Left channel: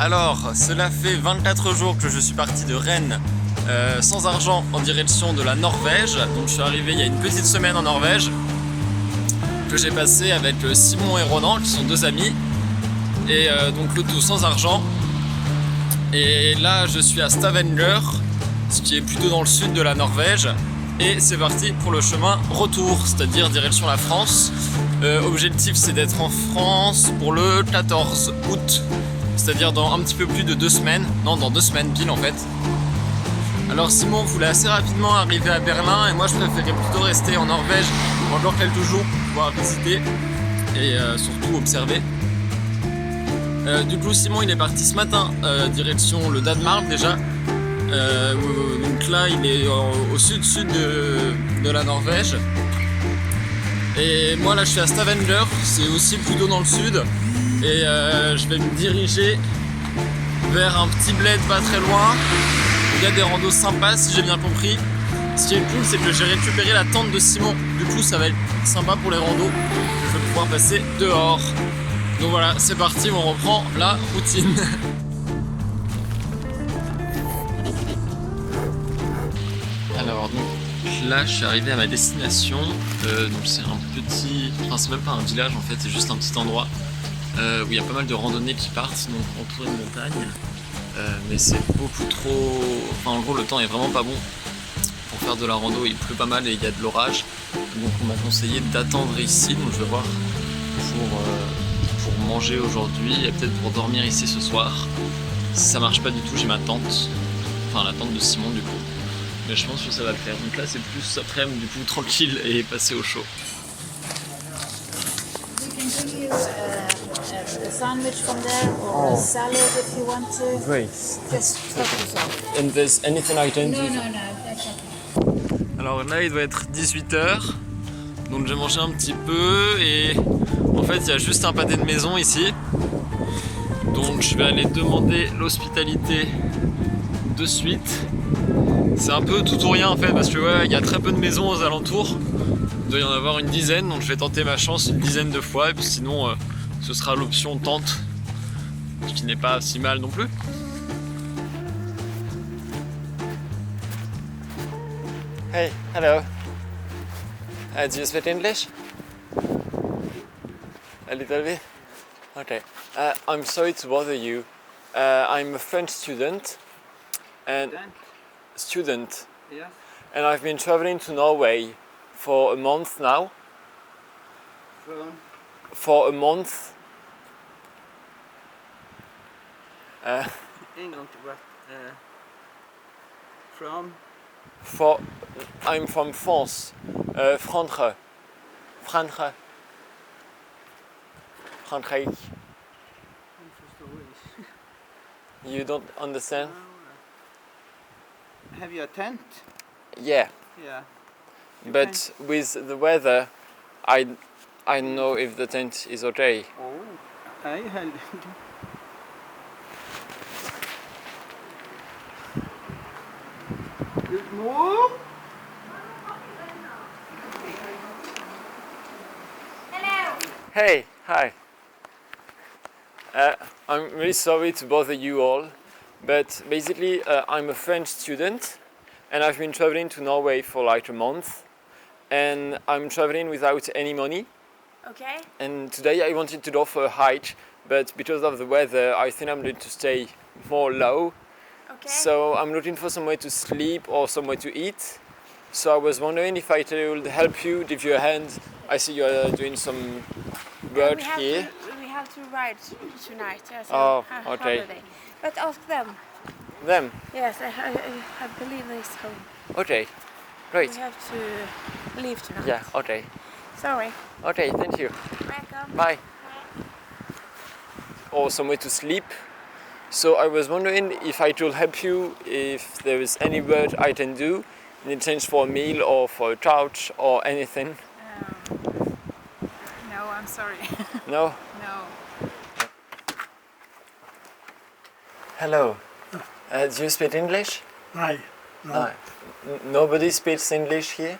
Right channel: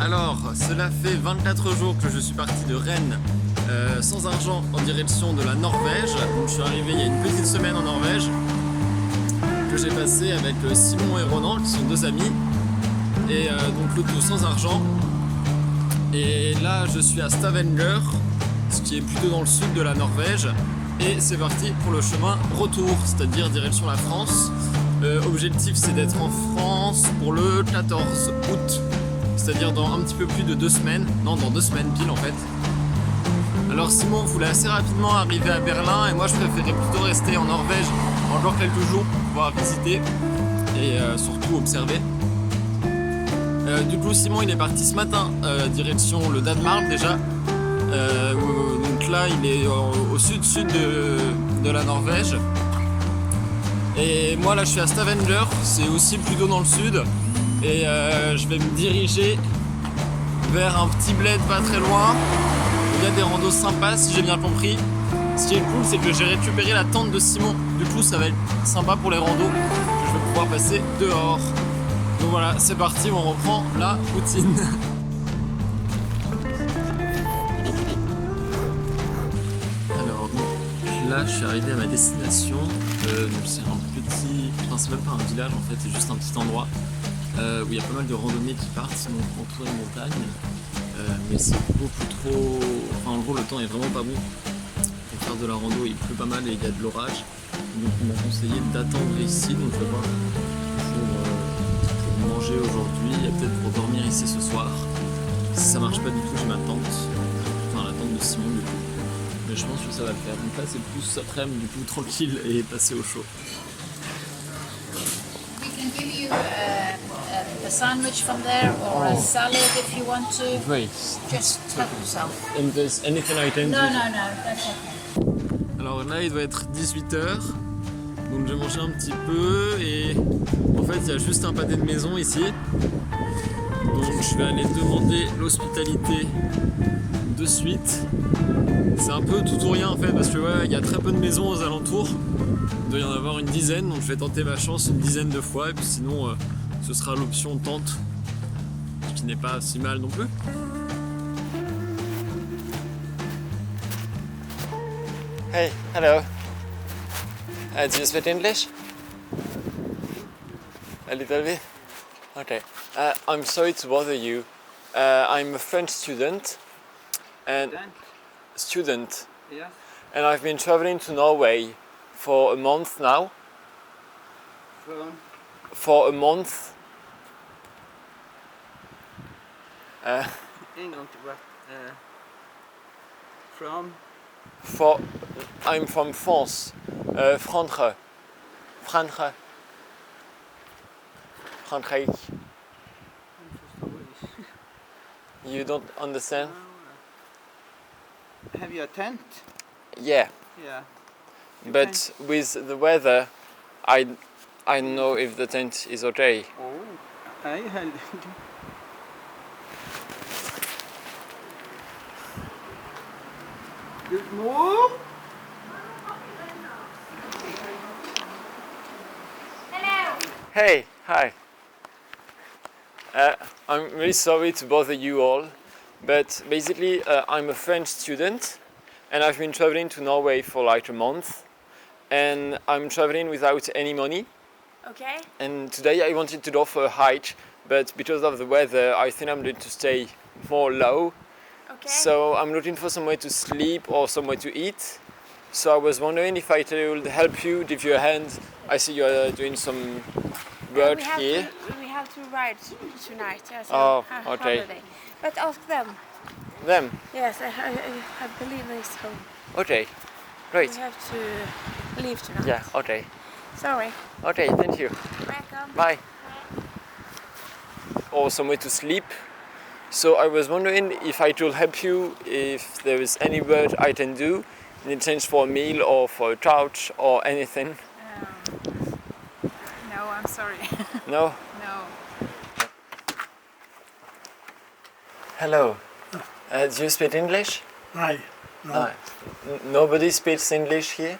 Alors, cela fait 24 jours que je suis parti de Rennes sans argent en direction de la Norvège. Donc je suis arrivé il y a une petite semaine en Norvège que j'ai passé avec Simon et Ronan qui sont deux amis. Et donc le tout sans argent. Et là je suis à Stavanger, ce qui est plutôt dans le sud de la Norvège. Et c'est parti pour le chemin retour, c'est-à-dire direction la France. Objectif c'est d'être en France pour le 14 août. C'est-à-dire dans un petit peu plus de 2 semaines. Non, dans 2 semaines pile en fait. Alors Simon voulait assez rapidement arriver à Berlin et moi je préférais plutôt rester en Norvège encore quelques jours pour pouvoir visiter et surtout observer. Du coup Simon il est parti ce matin direction le Danemark déjà. Donc là il est au sud-sud de la Norvège. Et moi là je suis à Stavanger, c'est aussi plutôt dans le sud. Et je vais me diriger vers un petit bled pas très loin. Il y a des randos sympas si j'ai bien compris. Ce qui est cool c'est que j'ai récupéré la tente de Simon. Du coup ça va être sympa pour les randos. Je vais pouvoir passer dehors. Donc voilà, c'est parti, on reprend la routine. Alors donc là je suis arrivé à ma destination. Donc c'est un petit... Enfin c'est même pas un village en fait, c'est juste un petit endroit où il y a pas mal de randonnées qui partent, donc entouré de montagnes. Mais c'est beaucoup trop... Enfin en gros le temps est vraiment pas bon pour faire de la rando, il pleut pas mal et il y a de l'orage. Donc on m'a conseillé d'attendre ici, donc je vais voir pour manger aujourd'hui et peut-être pour dormir ici ce soir. Si ça marche pas du tout, j'ai ma tente, enfin la tente de Simon du coup. Mais je pense que ça va le faire. Donc là c'est plus après-midi du coup tranquille et passer au chaud. Sandwich from there or a salad if you want to. Great. Just And there's anything I can do? no, that's okay. Alors là il doit être 18h, donc j'ai mangé un petit peu et en fait il y a juste un pâté de maison ici. Donc je vais aller demander l'hospitalité de suite. C'est un peu tout ou rien en fait parce que ouais, il y a très peu de maisons aux alentours. Il doit y en avoir une dizaine, donc je vais tenter ma chance une dizaine de fois et puis sinon ce sera l'option tente, qui n'est pas si mal non plus. Hey, hello. Do you speak English? A little bit? Okay. I'm sorry to bother you. I'm a French student. And student. Yes. And I've been traveling to Norway for a month now. From For a month. England, but from I'm from France. Franche. Franche. Frankrijk. You don't understand? Have you a tent? Yeah. Yeah. But with the weather, I don't know if the tent is okay. Oh, I had. Good move. Hey, hi. I'm really sorry to bother you all, but basically I'm a French student and I've been traveling to Norway for like a month and I'm traveling without any money. Okay. And today I wanted to go for a hike, but because of the weather I think I'm going to stay more low. Okay. So I'm looking for somewhere to sleep or somewhere to eat. So I was wondering if I could help you, give you a hand. I see you're doing some work here. We have to ride tonight. Yes. Oh, okay. Holiday. But ask them. Them? Yes, I believe it's home. Okay, great. We have to leave tonight. Yeah, okay. Sorry. Okay, thank you. Welcome. Bye. Or somewhere to sleep. So I was wondering if I could help you, if there is any work I can do in exchange for a meal or for a couch or anything. No, I'm sorry. No? No. Hello. Do you speak English? Aye. No. Ah, nobody speaks English here?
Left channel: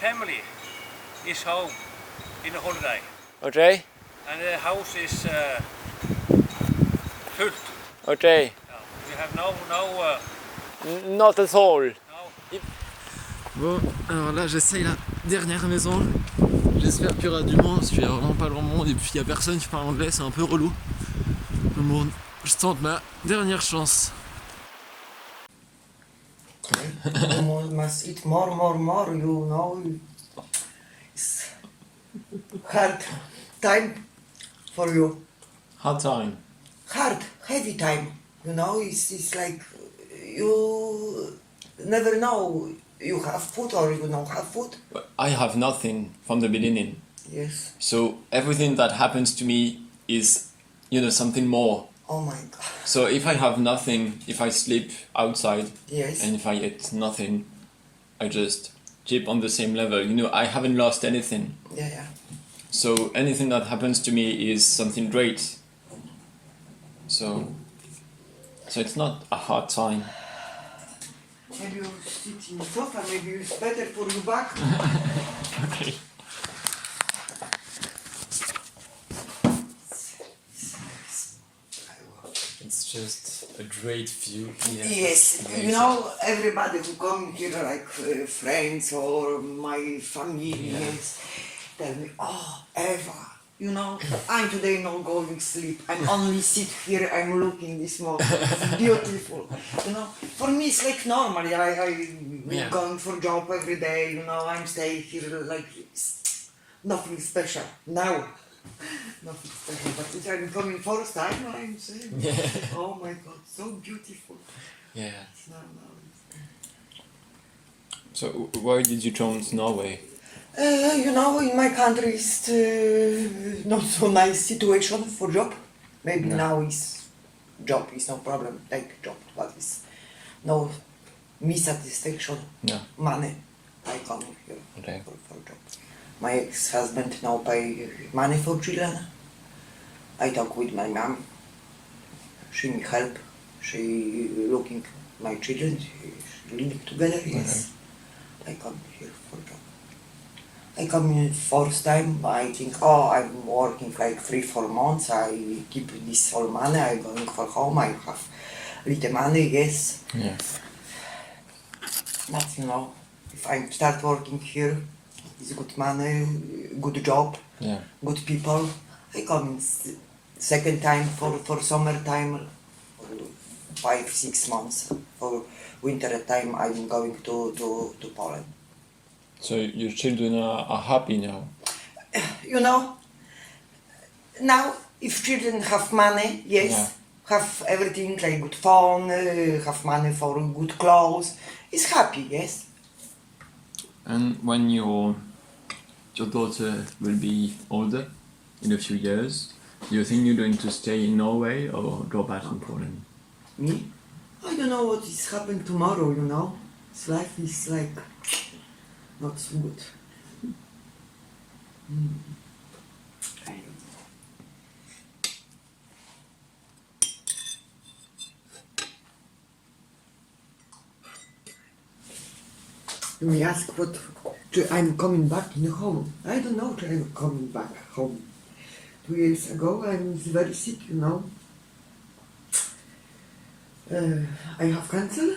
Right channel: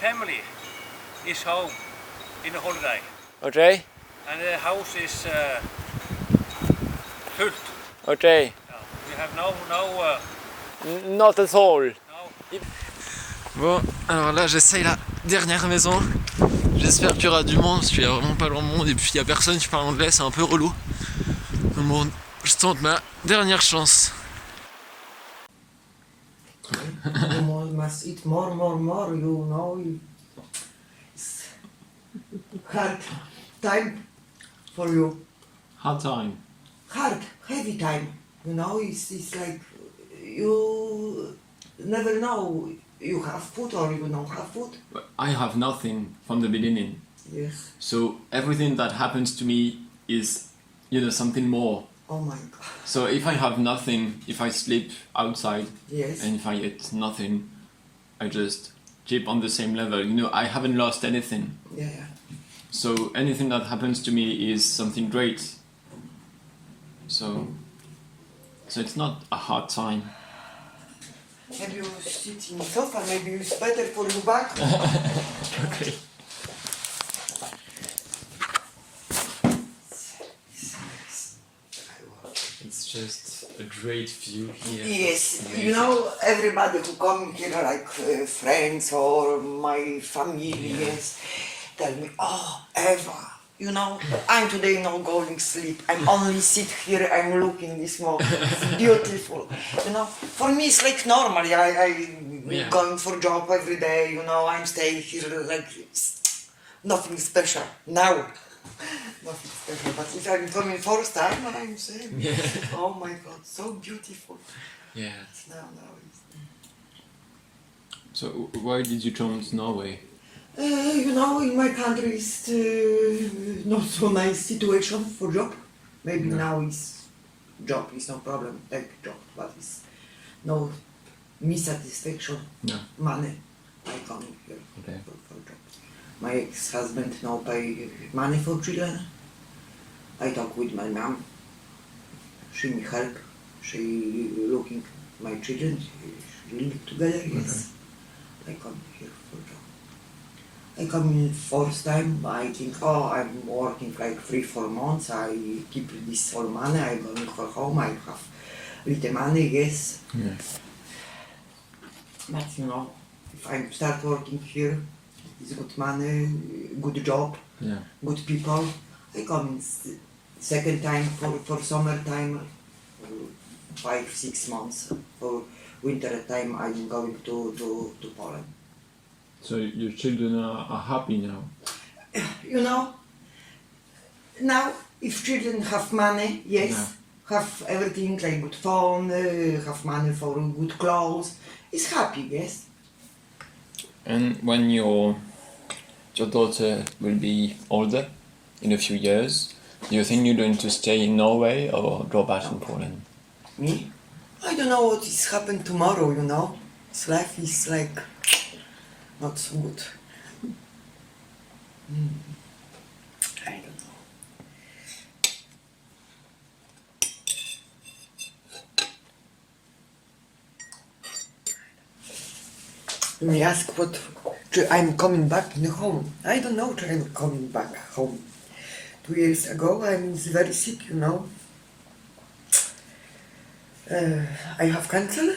family is home in the holiday, Okay. and the house is full. Okay. We have no. Not at all. No. Bon, alors là j'essaye la dernière maison. J'espère qu'il y aura du monde parce qu'il y a vraiment pas grand monde et puis il y a personne qui parle anglais, c'est un peu relou. Donc bon, je tente ma dernière chance. You must eat more, you know. It's hard time for you. Hard time. Hard, heavy time. You know, it's like you never know you have food or you don't have food. I have nothing from the beginning. Yes. So everything that happens to me is, something more. Oh my God. So if I have nothing, if I sleep outside, Yes. and if I eat nothing, I just keep on the same level. I haven't lost anything. Yeah. So anything that happens to me is something great. So it's not a hard time. Maybe you sit in the sofa, maybe it's better for your back. Okay. It's just a great view here. Yes, you know, everybody who come here, like friends or my family, yes, tell me, oh, Eva, I'm today not going to sleep. I'm only sit here, I'm looking this morning. It's beautiful. For me it's like normal. I going for job every day, I'm staying here like it's nothing special now. Nothing special. But if I'm coming first time, I'm saying, oh my God, so beautiful. Yeah. No. So why did you come to Norway? In my country it's not so nice situation for job. Maybe now is job is no problem, take job, but it's no me satisfaction, money. I come here Okay. for job. My ex-husband now pay money for children. I talk with my mom. She me help. She looking my children. She living together. Yes. I come here for job. I come in first time. I think, I'm working like 3-4 months. I keep this all money. I going for home. I have little money. Yes. Yeah. But if I start working here, it's good money, good job, good people. I come in second time for summertime, 5-6 months. For winter time, I'm going to Poland. So your children are happy now? Now if children have money, yes, have everything like good phone, have money for good clothes, is happy, yes. And when your daughter will be older, in a few years, do you think you're going to stay in Norway or go back to Poland? Me? I don't know what is happen tomorrow, This life is like not so good. I don't know. You may ask what I'm coming back in home. I don't know if I'm coming back home. 2 years ago I was very sick, I have cancer.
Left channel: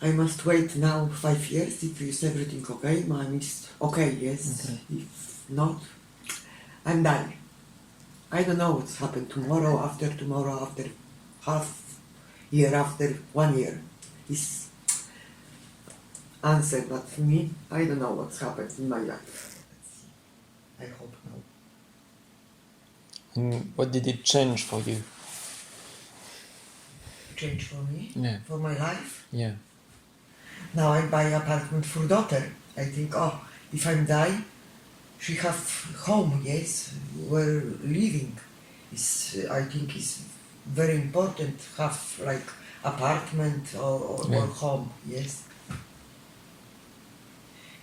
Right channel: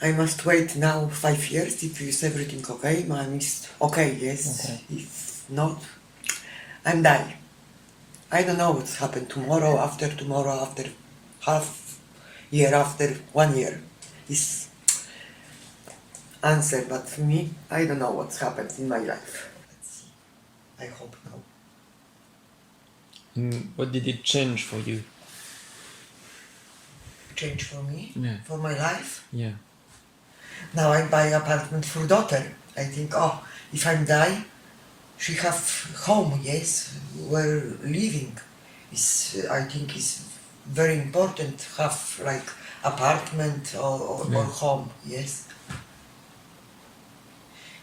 I must wait now 5 years if is everything okay. Mine is okay, yes. Okay. If not, I'm die. I don't know what's happened tomorrow, after half year, after 1 year. Is answer, but for me, I don't know what's happened in my life. Let's see. I hope no. And what did it change for you? Change for me? Yeah. For my life? Yeah. Now I buy apartment for daughter. I think, if I die, she have home, yes, where living. I think is very important have like apartment or home, yes.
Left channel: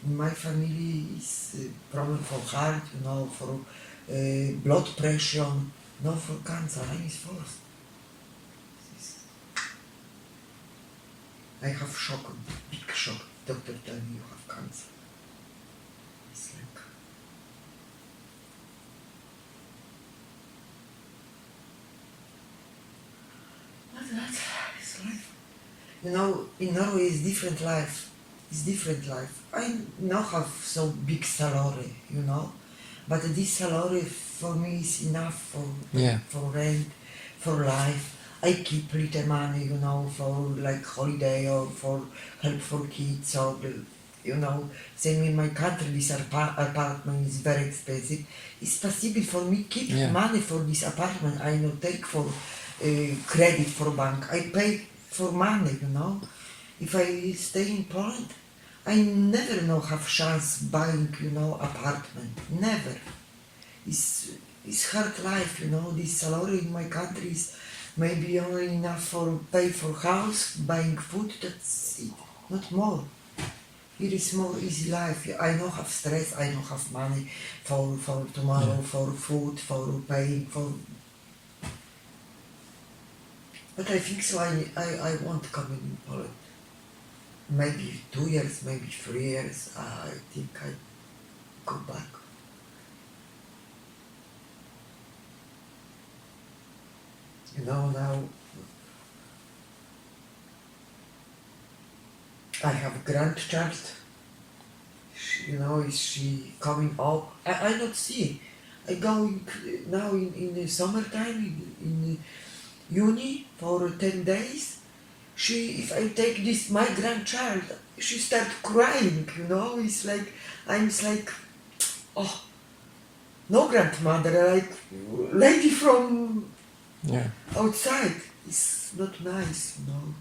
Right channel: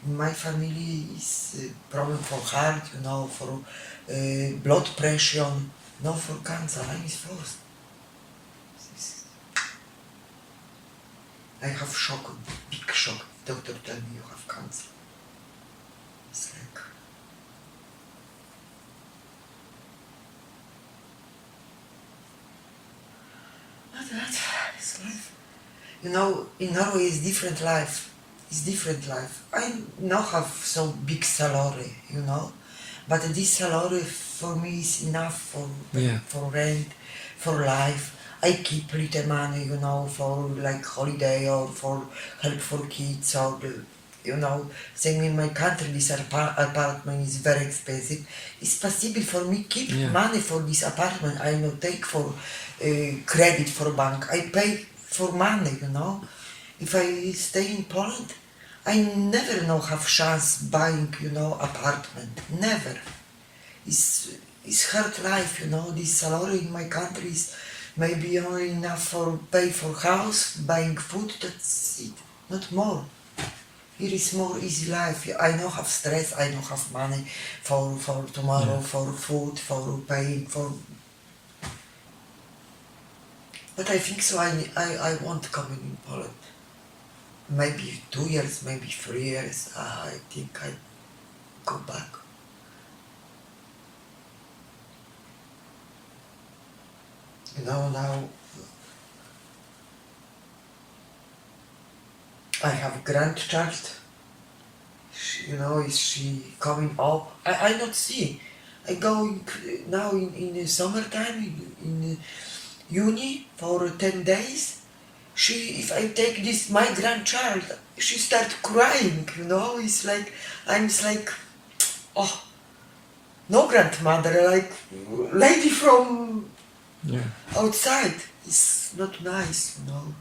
In my family is problem for heart, for blood pressure, for cancer. Mine is first. I have shock, big shock. doctor tell me you have cancer. It's like, but that is life. You know, in Norway is different life. It's different life. I now have some big salary, you know, but this salary for me is enough for rent, for life. I keep little money, you know, for like holiday or for help for kids or you know, same in my country. This apartment is very expensive. It's possible for me keep money for this apartment. I no take for credit for bank. I pay for money, you know. If I stay in Poland, I never no have chance buying, you know, apartment. Never. It's hard life, you know. This salary in my country is maybe only enough for pay for house, buying food. That's it, not more. Here is more easy life. I don't have stress. I don't have money for tomorrow, for food, for paying for. But I think so. I want coming in Poland. Maybe 2 years, maybe 3 years. I think I go back. You know, now I have grandchild. You know, is she coming up? I not see. I going now in the summertime in uni for 10 days. If I take this my grandchild, she start crying. You know, it's like oh, no grandmother, like lady from outside. It's not nice, you know.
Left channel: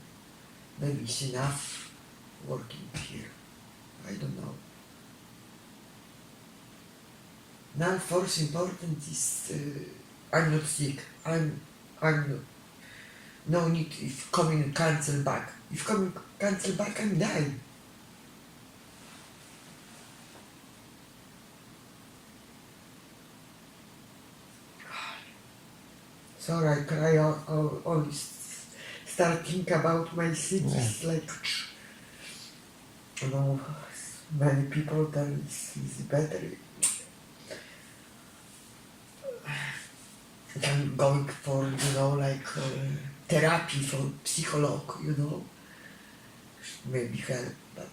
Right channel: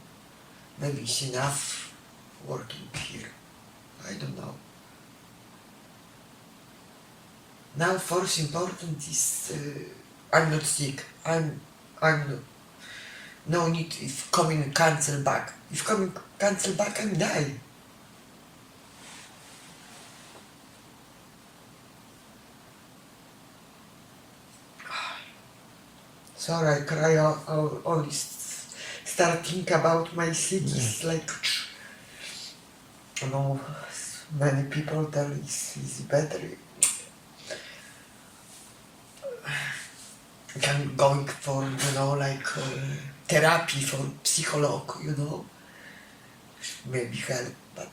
Maybe it's enough working here. I don't know. Now, first important is I'm not sick. I'm not. No need if coming and cancel back. If coming cancel back, I'm dying. Sorry, I cry always start think about my sick. It's like, you know, many people tell it's better. I'm going for, you know, like therapy for psycholog, you know. Maybe help, but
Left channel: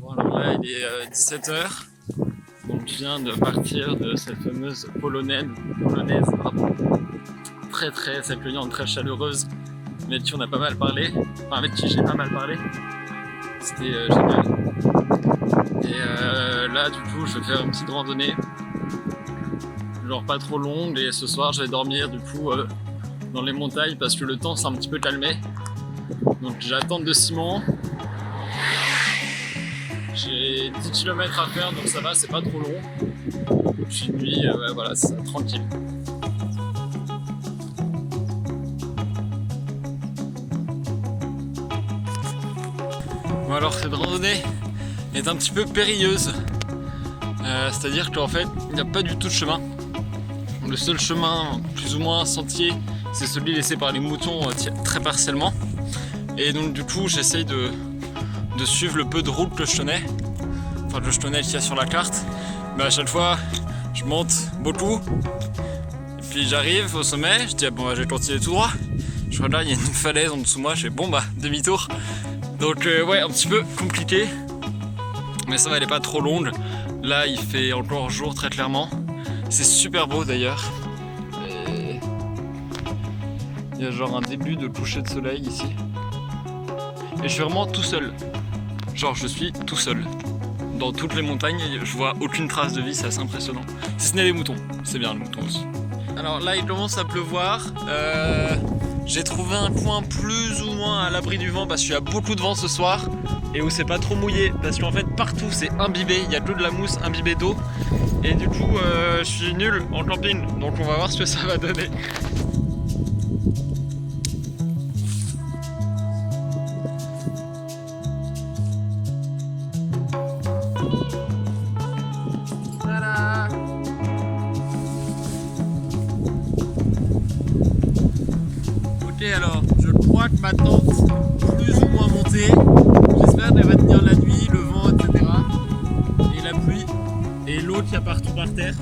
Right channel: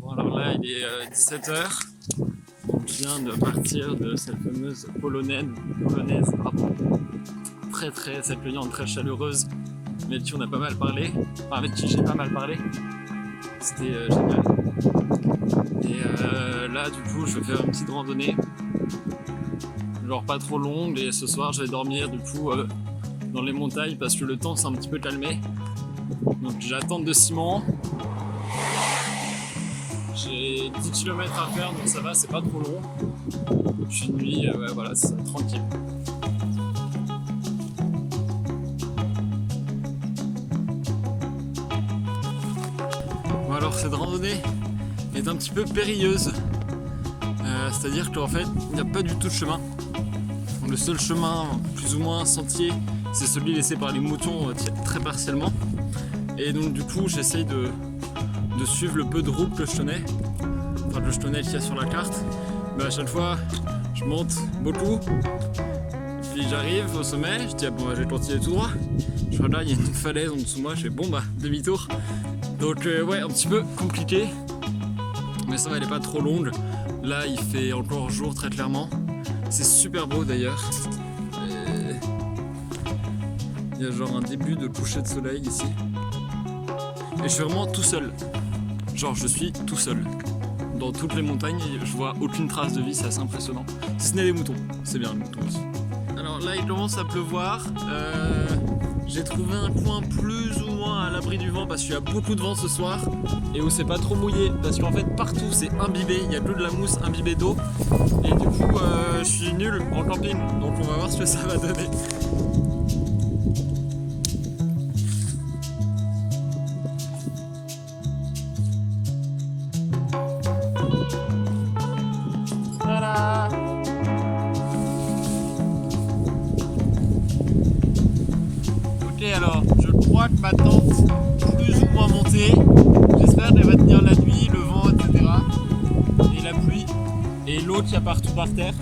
Bon alors là il est 17h, donc je viens de partir de cette fameuse polonaise pardon. Très accueillante, très chaleureuse, mais avec qui on a pas mal parlé, enfin avec qui j'ai pas mal parlé, c'était génial. Et là du coup je vais faire une petite randonnée, genre pas trop longue, et ce soir je vais dormir du coup dans les montagnes parce que le temps s'est un petit peu calmé, donc j'ai la tente de ciment. J'ai 10 km à faire donc ça va, c'est pas trop long. Et puis une nuit, ouais, voilà, c'est ça, tranquille. Bon alors cette randonnée est un petit peu périlleuse. C'est-à-dire qu'en fait il n'y a pas du tout de chemin. Le seul chemin plus ou moins sentier c'est celui laissé par les moutons très partiellement. Et donc du coup j'essaye de suivre le peu de route que je tenais, enfin que je tenais qu'il y a sur la carte, mais à chaque fois je monte beaucoup et puis j'arrive au sommet, je dis ah, bon bah, je vais continuer tout droit, je regarde là il y a une falaise en dessous de moi, je fais bon bah demi-tour, donc ouais un petit peu compliqué, mais ça va, elle est pas trop longue, là il fait encore jour très clairement, c'est super beau d'ailleurs, il y a genre un début de coucher de soleil ici. Et je suis vraiment tout seul. Genre je suis tout seul. Dans toutes les montagnes, je vois aucune trace de vie, c'est assez impressionnant. Si ce n'est les moutons, c'est bien les moutons aussi. Alors là il commence à pleuvoir. J'ai trouvé un coin plus ou moins à l'abri du vent parce qu'il y a beaucoup de vent ce soir. Et où c'est pas trop mouillé. Parce qu'en fait partout c'est imbibé, il y a que de la mousse imbibée d'eau. Et du coup je suis nul en camping. Donc on va voir ce que ça va donner. Ok, alors je crois que ma tente plus ou moins montée. J'espère qu'elle va tenir la nuit, le vent, etc. Et la pluie. Et l'eau qu'il y a partout par terre.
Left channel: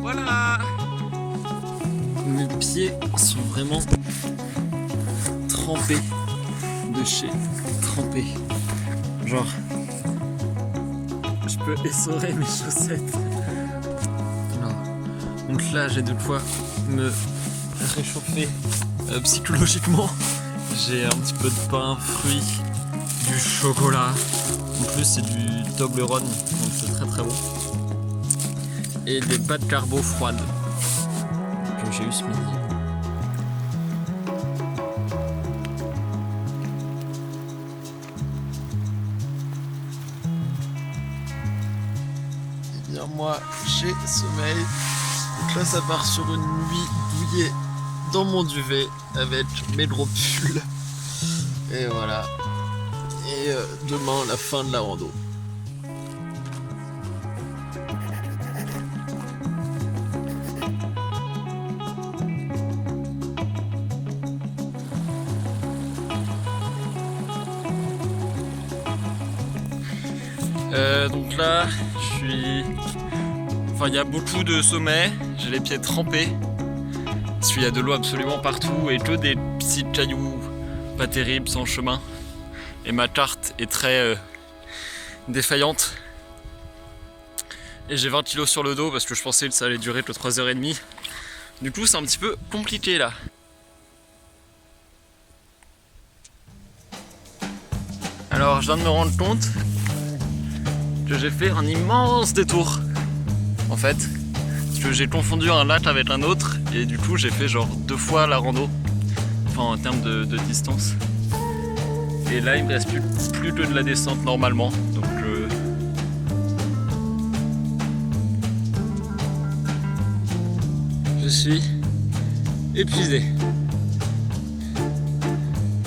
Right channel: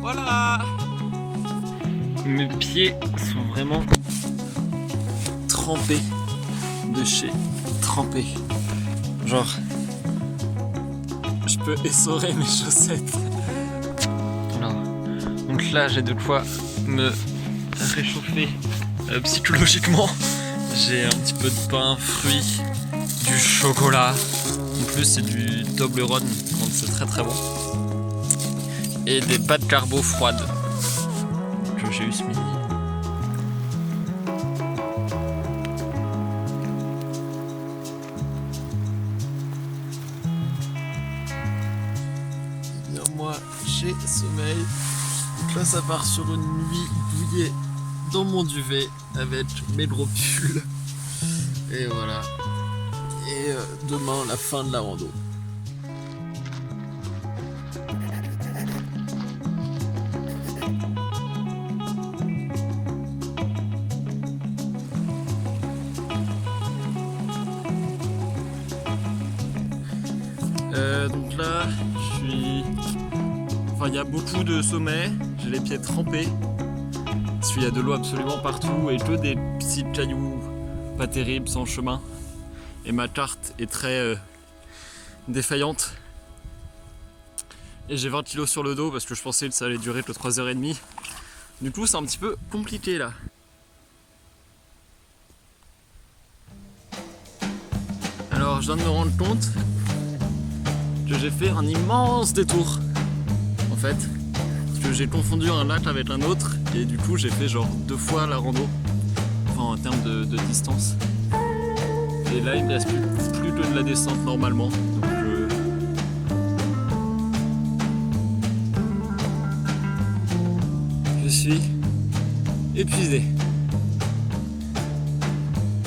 Voilà. Mes pieds sont vraiment trempés de chez trempés. Genre, je peux essorer mes chaussettes. Non. Donc là, j'ai de quoi me réchauffer psychologiquement. J'ai un petit peu de pain, fruits, du chocolat. En plus, c'est du Toblerone, donc c'est très très bon. Et des pâtes carbo froides que j'ai eu ce midi. Et bien moi, j'ai sommeil. Donc là, ça part sur une nuit douillée dans mon duvet avec mes gros pulls. Et voilà. Et demain, la fin de la rando. Donc là, je suis... Enfin, il y a beaucoup de sommets, j'ai les pieds trempés. Parce qu'il y a de l'eau absolument partout et que des petits cailloux pas terribles sans chemin. Et ma carte est très défaillante. Et j'ai 20 kilos sur le dos parce que je pensais que ça allait durer que 3h30. Du coup, c'est un petit peu compliqué là. Alors, je viens de me rendre compte que j'ai fait un immense détour en fait, parce que j'ai confondu un lac avec un autre et du coup j'ai fait genre 2 fois la rando, enfin en termes de distance. Et là il me reste plus que de la descente normalement, donc je suis épuisé.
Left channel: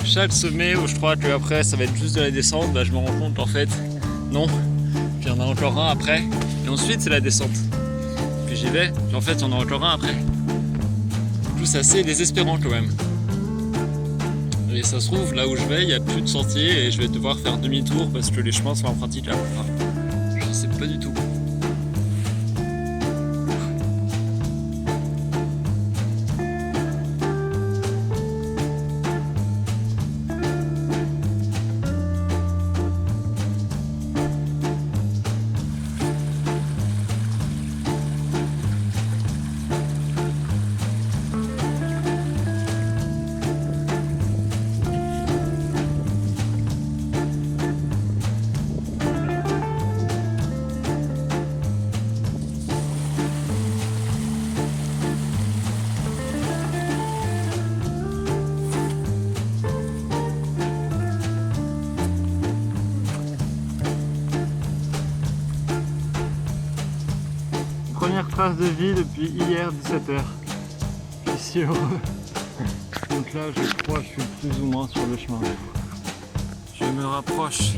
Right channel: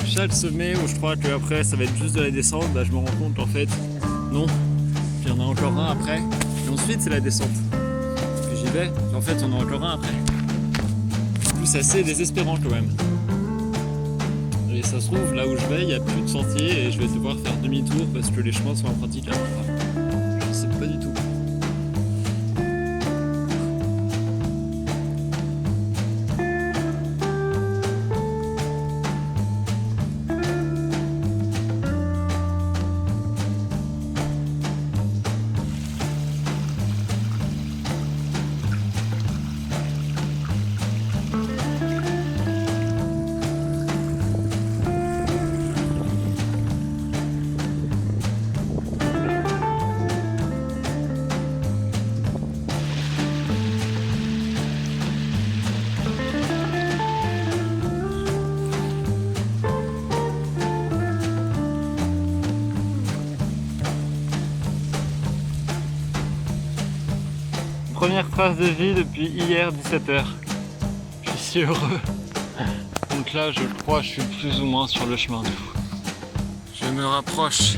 Chaque sommet où je crois que après ça va être juste de la descente, bah, je me rends compte qu'en fait non. Puis il y en a encore un après, et ensuite c'est la descente. Puis j'y vais, puis en fait il y en a encore un après. Du coup c'est assez désespérant quand même. Et ça se trouve, là où je vais, il n'y a plus de sentier et je vais devoir faire demi-tour parce que les chemins sont impraticables. Enfin, je sais pas du tout. Première trace de vie depuis hier 17h. Je suis si heureux. Donc là je crois que je suis plus ou moins sur le chemin du coup. Je me rapproche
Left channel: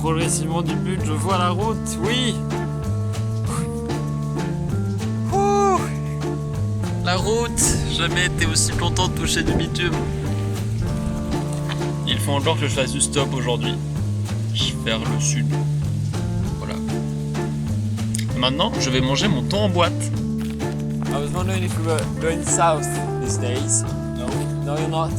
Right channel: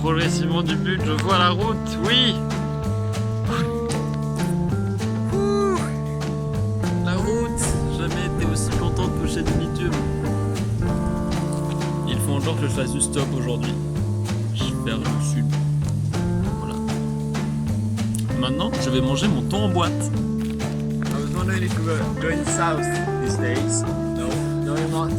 progressivement du but, je vois la route, oui. Ouh. La route, jamais été aussi content de toucher du bitume. Il faut encore que je fasse du stop aujourd'hui. Vers le sud. Maintenant, je vais manger mon thon en boîte. I was wondering if you were going south these days. No. No, you're not.